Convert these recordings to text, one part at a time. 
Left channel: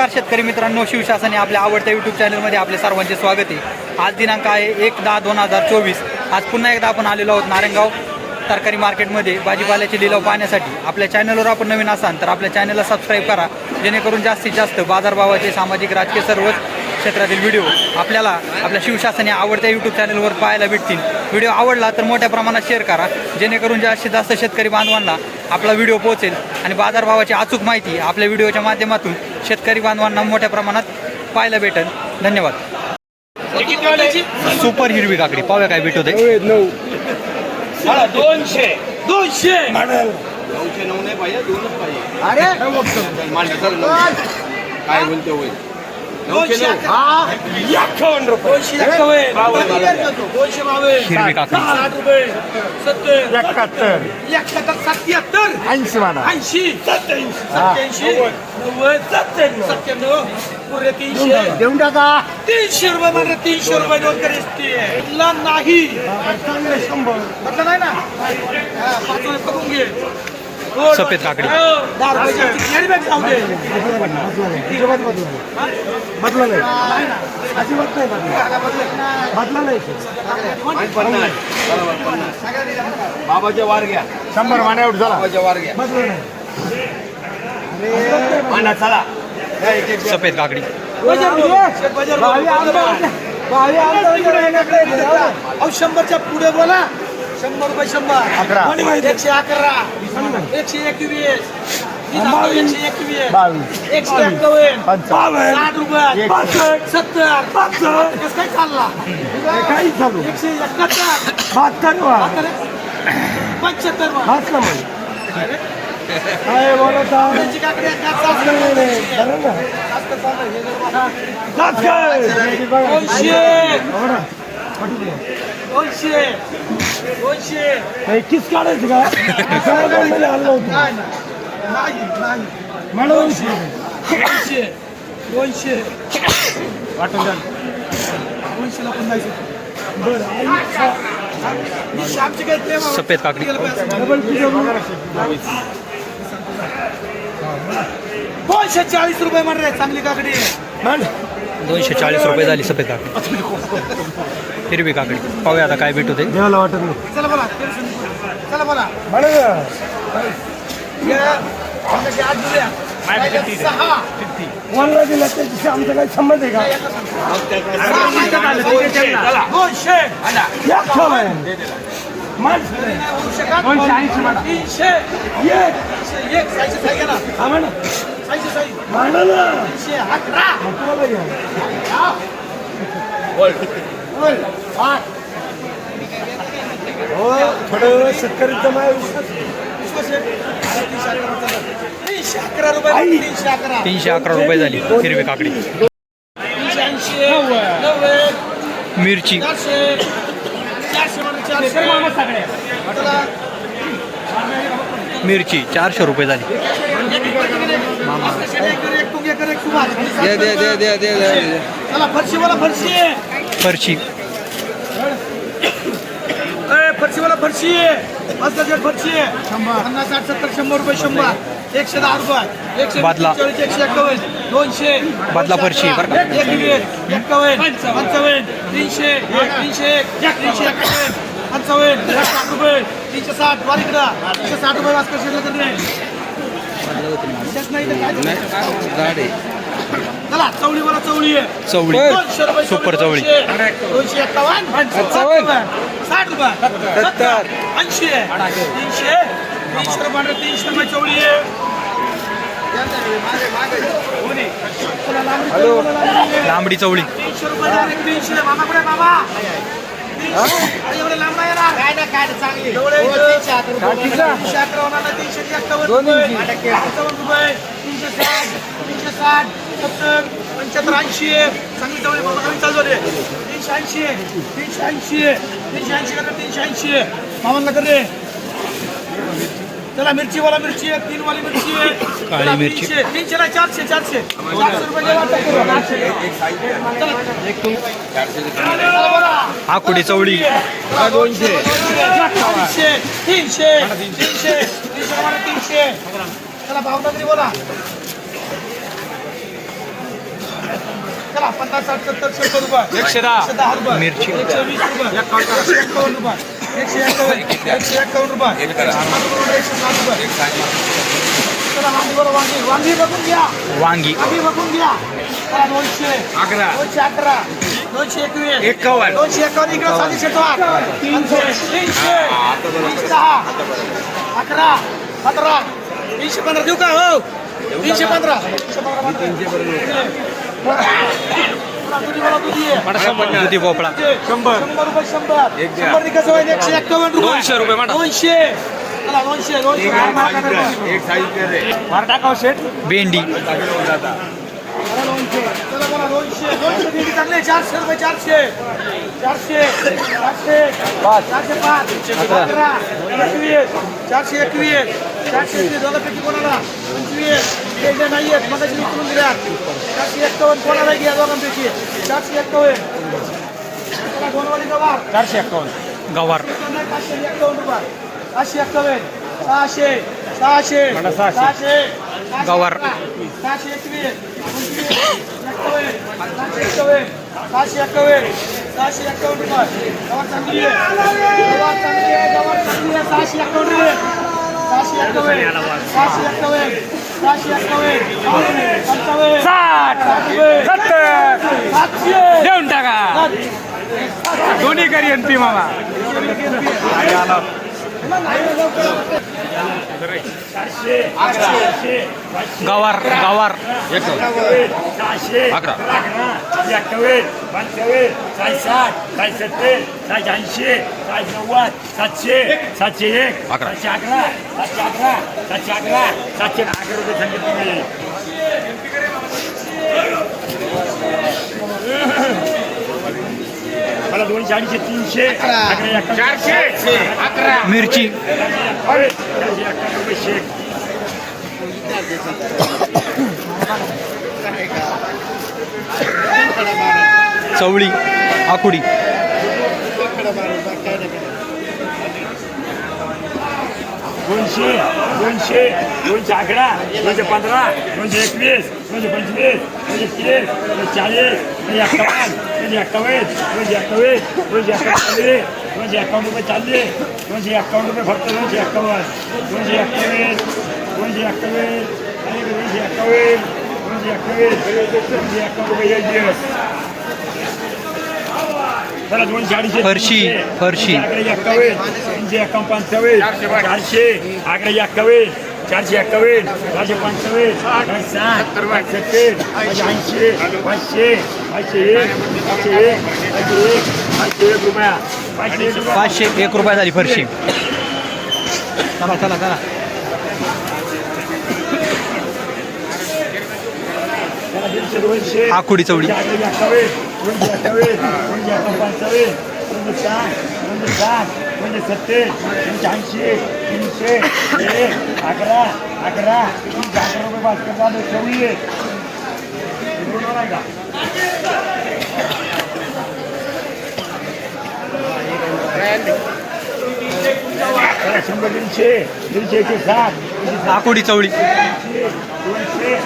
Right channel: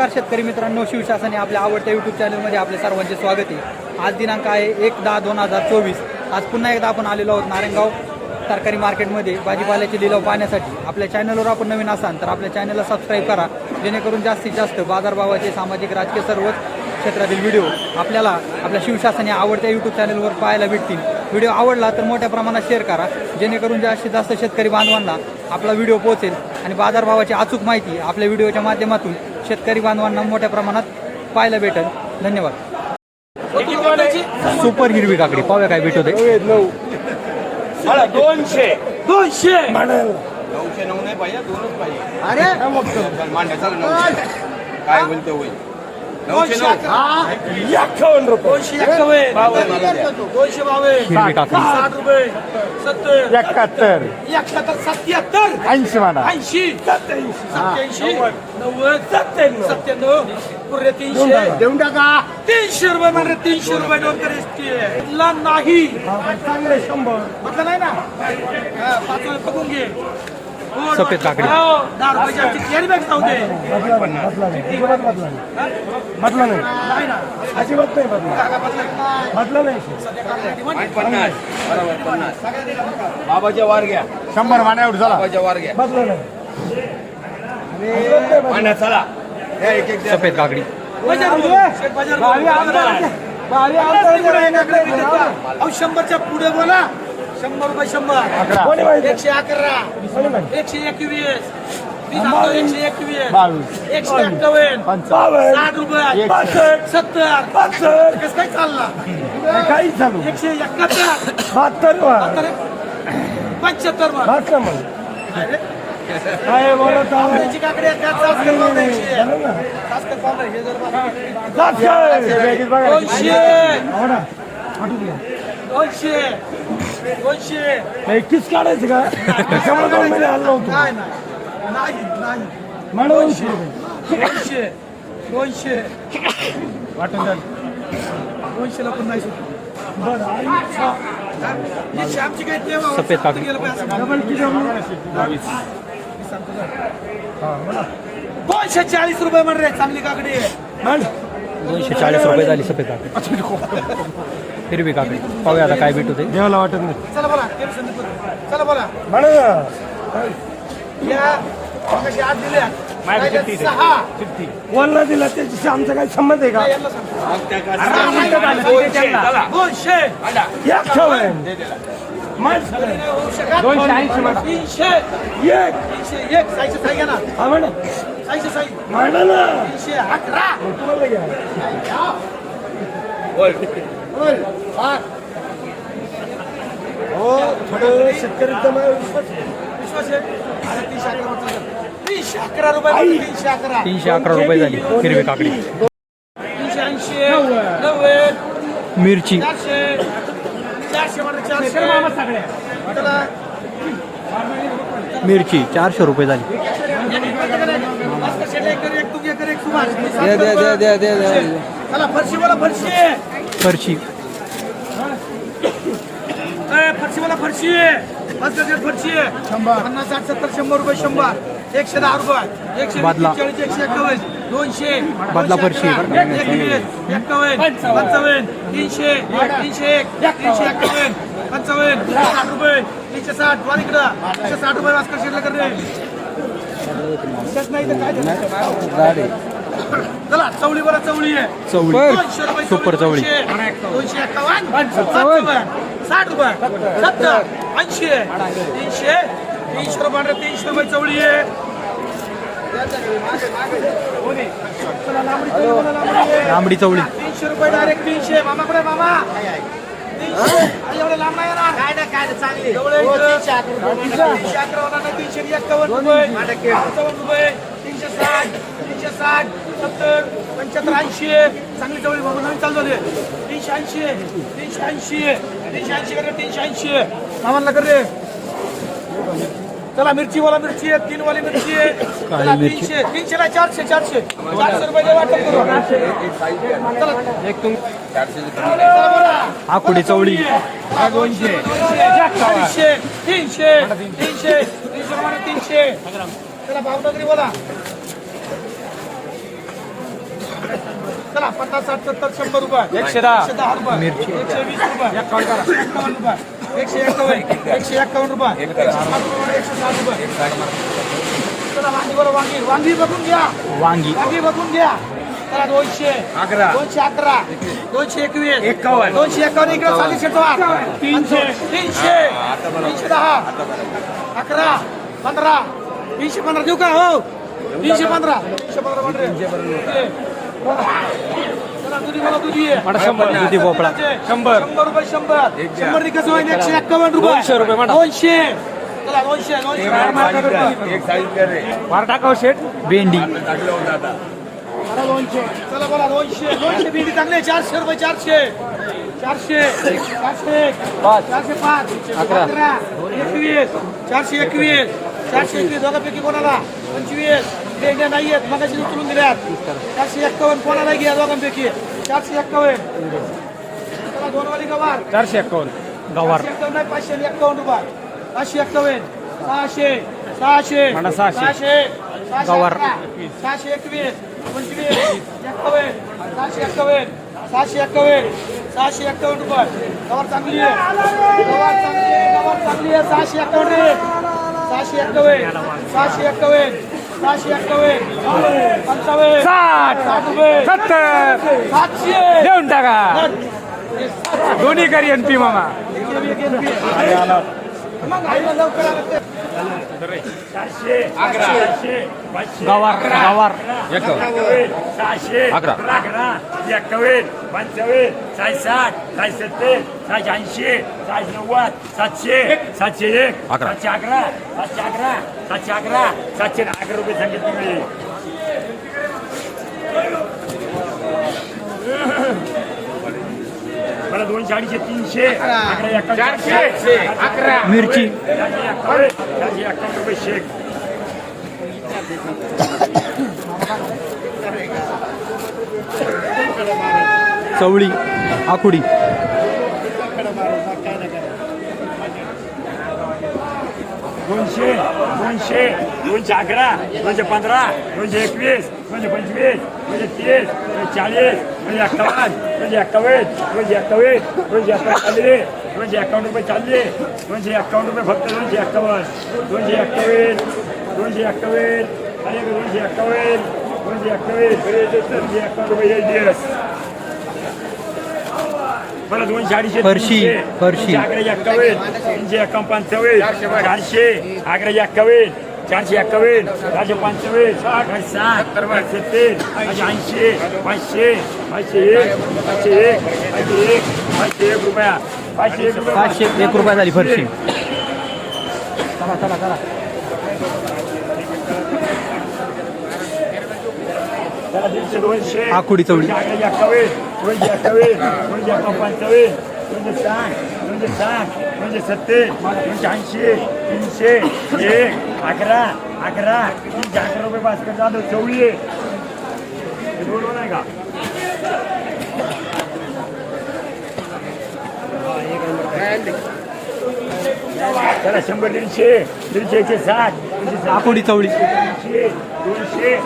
नमस्कार शेतकरी मित्रांनो शिवशासने आपल्या आवडत्या यूट्यूब चॅनलमध्ये आपले सर्वांचे स्वागत आहे. आज दिनांक आहे एक दहा दोन हजार चोवीस. आज पुन्हा एकदा आपण आलेलो आहोत नारायणगाव तरकारी मार्केटमध्ये. भाजीपाल्याचे लिलाव पाहण्यासाठी आपल्या चॅनलवर आपण नवीन असाल तर आपल्या चॅनलला सबस्क्राईब करा. जेणेकरून जास्तीत जास्त बाजारभावाचे सामाजिक राजकीय सर्वच क्षेत्रातील व्हिडिओ आपल्याला आपल्या शिवशासन या आवडत्या यूट्यूब चॅनलवर पाहायला भेटतील. व्हिडिओ आवडला तर मोठ्या प्रमाणात शेअर करा. जेणेकरून जास्तीत जास्त शेतकरी बांधवांना आपला व्हिडिओ पोहोचेल आणि बाजारभावाची अचूक माहिती आपल्या व्हिडिओच्या माध्यमातून शेतकरी बांधवांना मोठ्या प्रमाणात पाहायला भेटेल. धन्यवाद. सुपर हिरवी काकडी. पाहूया काय आहे मला दोनशे. दोनशे. नऊशे नऊ नाही पाहिजे दोनच पाहिजे काय बोलतो होईल? हिरवी काकडी साठ रुपये सत्तर एकाहत्तर एकाहत्तर सत्याहत्तर ऐंशी म्हणा ऐंशी सत्याऐंशी सत्याऐंशी नव्वद सत्त्याण्णव सत्त्याण्णव पुरे तीनशे देऊन टाका तीनशे रुपये म्हणजे तीनशे रुपये देऊन करेल नाही म्हटलं नाही ना पाच रुपये बघून घे सफेद काकडी. हो, पन्नास बरोबर पन्नास बाबाच्या वार घ्या. शंभर मान्यावर झाला बाबाच्या वार घ्या. मांडा चला. सफेद काकडी. अहो शंभरच्या पुढे बोला. शंभर रुपये अकरा. शंभर एकशे अकरा. एकशे एकवीस. एकशे एकवीस. एकशे एक्कावन्न. पंचावन्न. साठ रुपये. एकसष्ट. सत्तर. कसं काय चालला? काही चालू एकशे एकाहत्तर. बहात्तर पंच्याहत्तर काय बोलत आहो? त्याची काकडी आहे, त्यात जास्त करून द्यायची. बरं ना? जास्त करून द्यायची. जास्त. बघा. दोनशे. हो ना. दोनशे. दोनशे हे किस काढायचं का? महिने आणलं होतं. नाही नाही. नाही नाही. म्हणून दोनशे. दोनशे. दोनशे. वाटून द्या. दोनशेला पण नाही बरं ही श्यामची काय ते बाबा. सफेद काकडी. डबल दोनशे चाळीस रुपये म्हणले चांगली काकडी आहे. दोनशे चाळीस रुपये झाली सफेद काकडी. हिरवी काकडी. पाहूया आता काय भेटत आहे देवाला वाटत नाही. कोणाला दिला त्याच्याशी आमचा काही संबंध आहे का? म्हण. तीनशे. एक. हा. तीनशे अकरा मग तुम्हाला घ्या. हो, थोडं शेतकऱ्यांचं माझ्या विश्वास विश्वास आहे? तीनशे अकरा म्हटलं. तीनशे अकरा रुपये म्हणून तीनशे अकरा तीनशे अकरा रुपये झाली हिरवी काकडी तीनशे ऐंशी नव्वद मिरची चारशे चारशे म्हणून चारशे त्याला मिरची चारशे रुपये झाली चला फरशी बोला फरशी। फरची काय फरशी बोला फरशी। जे फरशी। पन्नास साठ सत्तर शंभर रुपये शंभर। एकशे दहा रुपये। एकशे बादला. चाळीस एकशे एक्कावन्न दोनशे। बादला फरशी एक्कावन्न पंचावन्न तीनशे तीनशे एक तीनशे एक्कावन्न पंचावन्न साठ रुपये तीनशे साठ वारीकडं तीनशे साठ रुपये वाजता शिरले चला चवळी बोला चवळी. सुपर चवळी. दोनशे. दोनशे एक्कावन्न साठ रुपये. सत्तर. ऐंशी. तीनशे तीनशे रुपये तीनशे रुपये चवळी लांबडी चवळी तीनशे रुपये डायरेक्ट तीनशे. मामाकडे मामा? तीनशे. एवढे लांब नाही येणार. काय ना काय चांगली. तीनशे अकरा रुपये. तीनशे अकरा होणार नाही, तीनशे एक्कावन्न रुपये. पंचावन्न रुपये. तीनशे साठ तीनशे साठ सत्तर पंच्याहत्तर ऐंशी. चांगली जवळ बाबा नवीन चालू रे. तीनशे ऐंशी तीनशे ऐंशी तीनशे ऐंशी करा तीनशे ऐंशी. मामांना कर रे. चला मिरची वाला मिरची आहे तीन वाली मिरची आहे काळी मिरची. तीनशे तीनशे नाही चारशे चारशे. चारशे रुपये वाटप करू. चला. बोला आकुडी चवळी. दोनशे. तीनशे तीनशे तीनशे तीनशे चला भावनगरी बोला. चला पन्नास साठ सत्तर रुपये. एकशे दहा. रुपये. मिरची. एकशे वीस रुपये. एकशे एक्कावन्न रुपये. एकशे एक्कावन्न एकशे एक्कावन्न रुपये एकशे साठ रुपये चला वांगी बरं वांगी वांगी बघून घ्या वांगी वांगी बघून घ्या चला दोनशे अकरा. दोनशे अकरा दोनशे एकवीस एकावन्न. दोनशे एकावन्न इकडे तीनशे तीनशे दहा अकरा पंधरा तीनशे पंधरा देऊ का हो तीनशे पंधरा तीनशे पंधरा दुधी भोपळा? शंभर. शंभर रुपये शंभर. शंभर कसं होईल? एकशे एक्कावन्न रुपये. दोनशे रुपये म्हणा. दोनशे. भेंडी. चारशे रुपये चारशे. चारशे. चारशे. पाच. चारशे पाच. अकरा. एकवीस. चारशे एकवीस. चारशे एकवीस. दोघांपैकी कोणाला? पंचवीस. जे नाही आहेत मग उचलून दिल्यात चारशे एक्कावन्न कोणाला घ्या दोघांपैकी. चारशे एक्कावन्न चला दोन वाली गवार. चारशे एक्कावन्न गवार. पाचशे एक्कावन्न रुपये. पाचशे एक्कावन्न सहाशे. सहाशे. सहाशे. गवार. सहाशे एकवीस. पंचवीस एक्कावन्न सहाशे एक्कावन्न सहाशे एक्कावन्न सहाशे एक्कावन्न रुपये. गवार चांगली आहे. गवार चांगली आहे. गवार चांगली आहे. सहाशे एक्कावन्न सहाशे एक्कावन्न सहाशे एक्कावन्न साठ सत्तर देऊन टाका. दोन्ही करी एन पी मला गवार गवार सहाशे अकरा एक्कावन्न पंचावन्न साय साठ साय सत्तर साय ऐंशी साय नव्वद सातशे सातशे एक सातशे अकरा सातशे अकरा सातशे अकरा सातशे अकरा रुपये सांगितले मला दोनशे अडीचशे तीनशे अकरा चारशे अकरा मिरची चवळी आकुडी. दोनशे दोनशे दोनशे अकरा दोनशे पंधरा दोनशे एकवीस दोनशे पंचवीस दोनशे तीस दोनशे चाळीस दोनशे एक्कावन्न दोनशे एक्कावन्न दोनशे एक्कावन्न दोनशे एक्कावन्न चालले दोनशे एक्कावन्न रुपये चालले दोनशे रुपये फक्त दोनशे एक्कावन्न दोनशे एक्कावन्न दोनशे आणि दोनशे एक्कावन्न दोनशे एक्कावन्न दोनशे एक्कावन्न रुपये एक दिवस मला दोनशे अडीचशे फरशी, फरशी. दोनशे अकरा एक्कावन्न तीनशे एकावन्न पंचावन्न. चारशे. एक्कावन्न चारशे एक्कावन्न चारशे पंचावन्न साठ पाचशे ऐंशी पाचशे पाचशे एक पाचशे एक पाचशे एक पाचशे एक रुपया पाचशे एक रुपया. पाचशे एक रुपया झाली फरशी. चला चला चला. आकुडी एकावन्न पंचावन्न दोनशे साठ दोनशे साठ दोनशे सत्तर दोनशे ऐंशी तीनशे एक अकरा अकरा अकरा रुपये चवळी आहे हे दोन आहे का? चला शंभर दीडशे दीडशे एकशे साठ आकुडी चवळी. दोनशे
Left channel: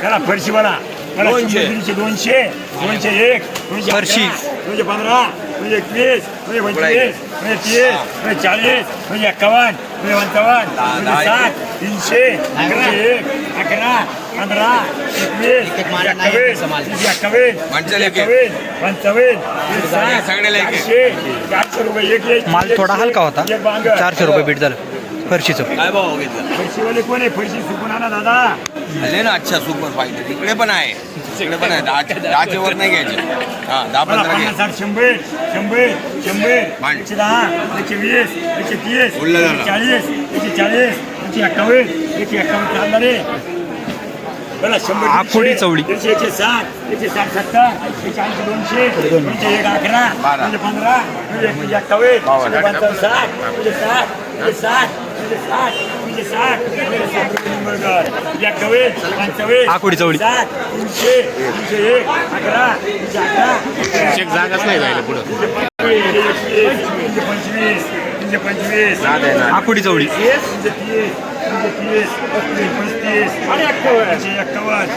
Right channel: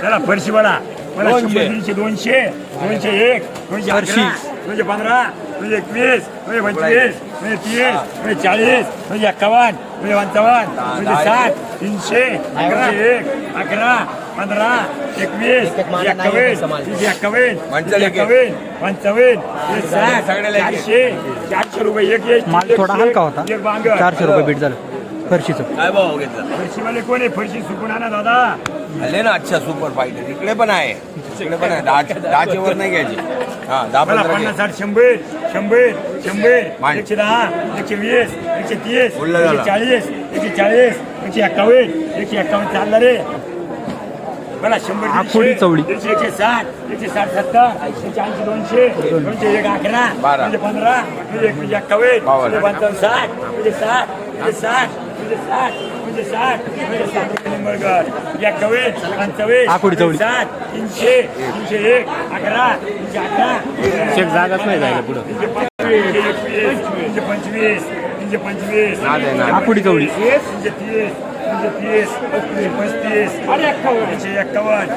चला फरशी मला मला शंभर दीडशे दोनशे दोनशे एक दोनशे फरशी. दोनशे पंधरा दोनशे एकवीस पंचवीस दोनशे तीस दोनशे चाळीस दोनशे एक्कावन्न पंचावन्न साठ तीनशे दोनशे एक अकरा पंधरा एकवीस एक्कावन्न तीनशे एक्कावन्न पंचावन्न. एक. चारशे चारशे रुपये एक एक माल थोडा हलका होता. चारशे रुपये बीट झालं. फरशीचं. काय भाव घेतला? फरशीवाले कोण आहे? फरशी सुकून आणा दादा. ना अच्छा सुपर पाहिजे. तिकडे पण आहे. तिकडे पण आहे दहाच्या दहाच्या वर नाही घ्यायचे हा दहा मला पंधरा पन्नास घे. साठ शंभर शंभर शंभर मांड. एकशे दहा एकशे वीस एकशे तीस बोलला एकशे जरा. चाळीस एकशे चाळीस एकशे एक्कावन्न एकशे एक्कावन्न चालला रे मला शंभर आखोडी दीडशे, चवळी. एकशे एकशे साठ एकशे साठ सत्तर एकशे ऐंशी दोनशे दोनशे एक अकरा बारा. पंधरा एकशे पंचावन्न साठ साठ साठ साठ साठ दोनशे साठ एक्कावन्न पंचावन्न आखोडी चवळी. साठ तीनशे तीनशे एक अकरा तीनशे अकरा तीनशे जागाच नाही राहिलं पुढे. तीनशे पंचवीस तीनशे पंचवीस आकुडी चवळी तीनशे तीस तीनशे तीस पस्तीस पस्तीस अरे एक्कावन्न एकशे एक्कावन्न.